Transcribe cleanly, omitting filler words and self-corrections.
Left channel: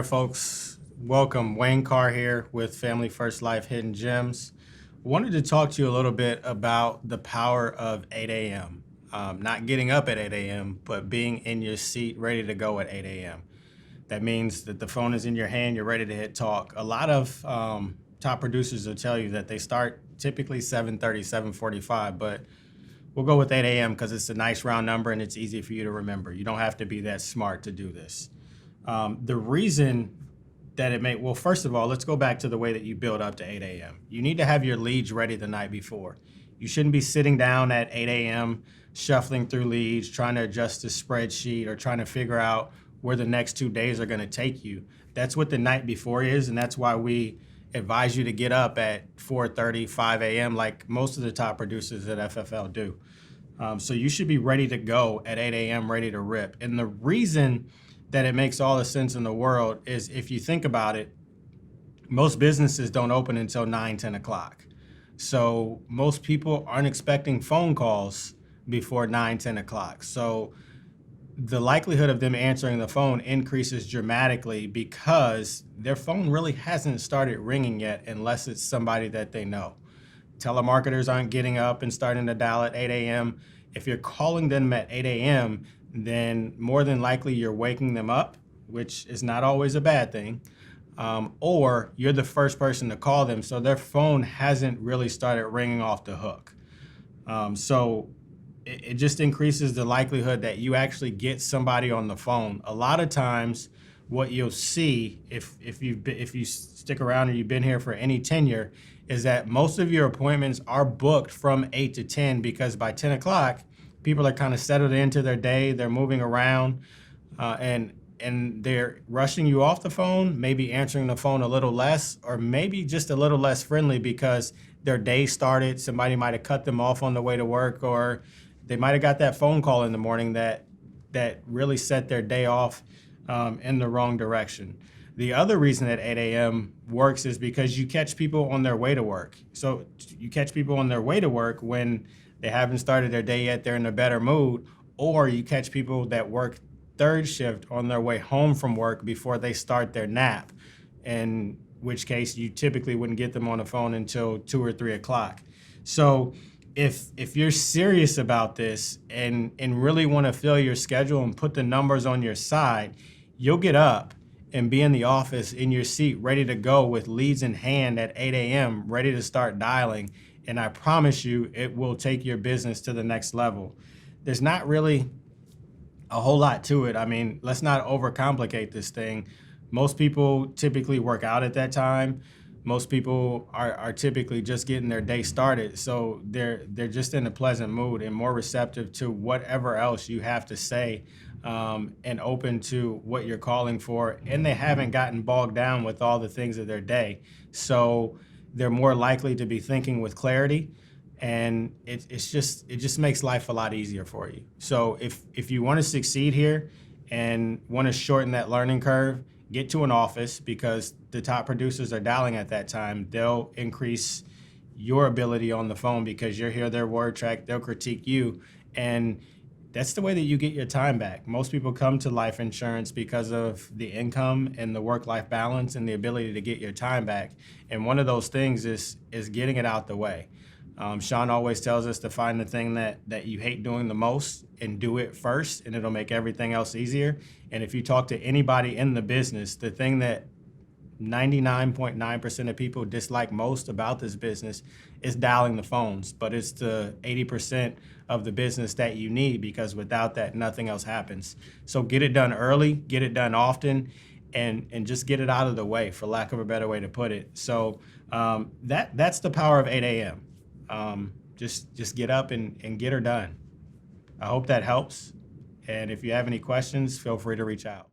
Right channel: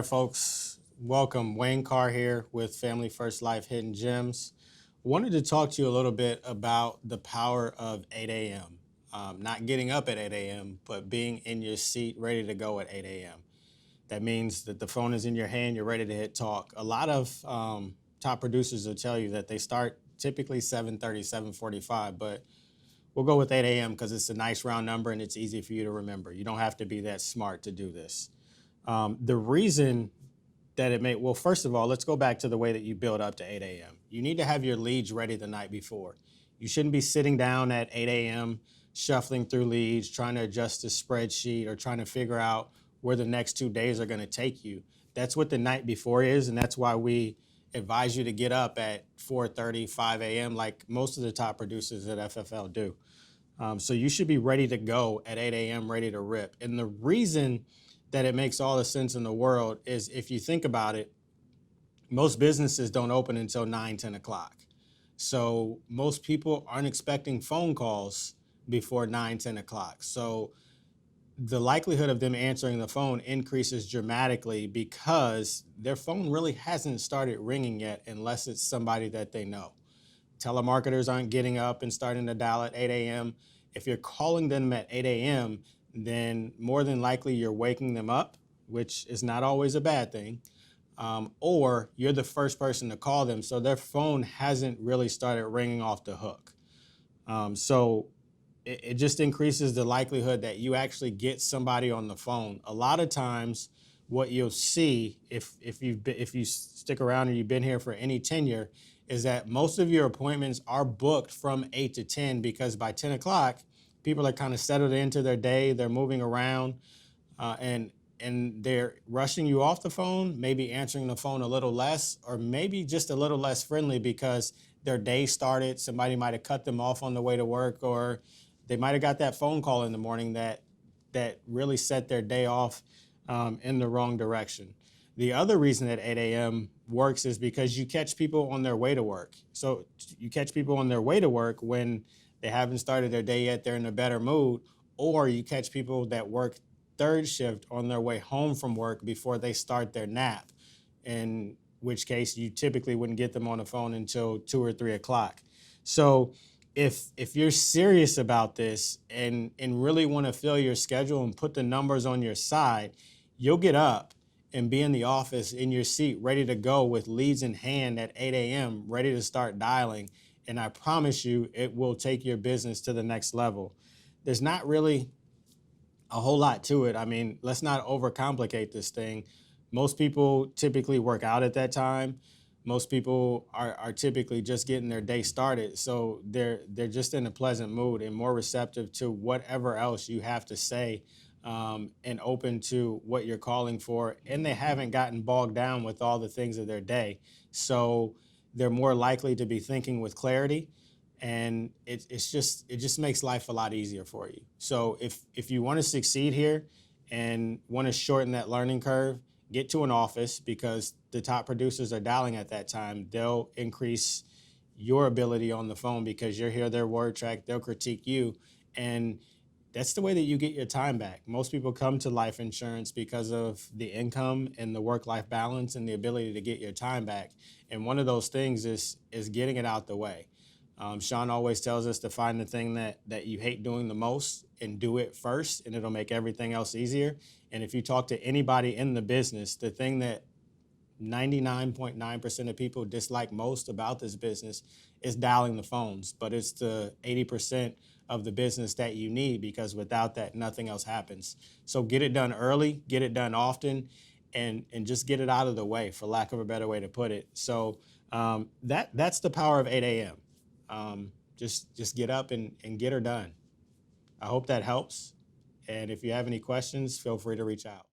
All right, folks, welcome. Wayne Carr here with Family First Life Hidden Gems. Wanted to talk to you a little bit about the power of 8 a.m. Not getting up at 8 a.m., but being in your seat ready to go at 8 a.m. That means that the phone is in your hand, you're ready to hit talk. A lot of top producers will tell you that they start typically 7:30, 7:45, but we'll go with 8 a.m. because it's a nice round number and it's easy for you to remember. You don't have to be that smart to do this. The reason that well, first of all, let's go back to the way that you build up to 8 a.m. You need to have your leads ready the night before. You shouldn't be sitting down at 8 a.m., shuffling through leads, trying to adjust the spreadsheet or trying to figure out where the next 2 days are going to take you. That's what the night before is, and that's why we advise you to get up at 4:30, 5 a.m. like most of the top producers at FFL do. So you should be ready to go at 8 a.m., ready to rip. And the reason that it makes all the sense in the world is if you think about it, most businesses don't open until 9, 10 o'clock. So most people aren't expecting phone calls before 9, 10 o'clock. So the likelihood of them answering the phone increases dramatically because their phone really hasn't started ringing yet unless it's somebody that they know. Telemarketers aren't getting up and starting to dial at 8 a.m. If you're calling them at 8 a.m., then more than likely you're waking them up, which is not always a bad thing, or you're the first person to call them, so their phone hasn't really started ringing off the hook. So it just increases the likelihood that you actually get somebody on the phone. A lot of times what you'll see if you stick around or you've been here for any tenure is that most of your appointments are booked from 8 to 10 because by 10 o'clock, people are kind of settled into their day. They're moving around and they're rushing you off the phone, maybe answering the phone a little less, or maybe just a little less friendly because their day started. Somebody might have cut them off on the way to work, or they might have got that phone call in the morning that really set their day off in the wrong direction. The other reason that 8 a.m. works is because you catch people on their way to work. So you catch people on their way to work when they haven't started their day yet, they're in a better mood, or you catch people that work third shift on their way home from work before they start their nap, in which case you typically wouldn't get them on the phone until 2 or 3 o'clock. So if you're serious about this and really want to fill your schedule and put the numbers on your side, you'll get up and be in the office in your seat ready to go with leads in hand at 8 a.m., ready to start dialing. And I promise you, it will take your business to the next level. There's not really a whole lot to it. I mean, let's not overcomplicate this thing. Most people typically work out at that time. Most people are typically just getting their day started. So they're just in a pleasant mood and more receptive to whatever else you have to say and open to what you're calling for. And they haven't gotten bogged down with all the things of their day. So they're more likely to be thinking with clarity, and it just makes life a lot easier for you. So if you want to succeed here and want to shorten that learning curve, get to an office because the top producers are dialing at that time. They'll increase your ability on the phone because you'll hear their word track, they'll critique you, and that's the way that you get your time back. Most people come to life insurance because of the income and the work-life balance and the ability to get your time back. And one of those things is getting it out the way. Sean always tells us to find the thing that you hate doing the most and do it first, and it'll make everything else easier. And if you talk to anybody in the business, the thing that 99.9% of people dislike most about this business is dialing the phones, but it's the 80% of the business that you need, because without that, nothing else happens. So get it done early, get it done often, and just get it out of the way, for lack of a better way to put it. So that's the power of 8 a.m. Just get up and get her done. I hope that helps. And if you have any questions, feel free to reach out.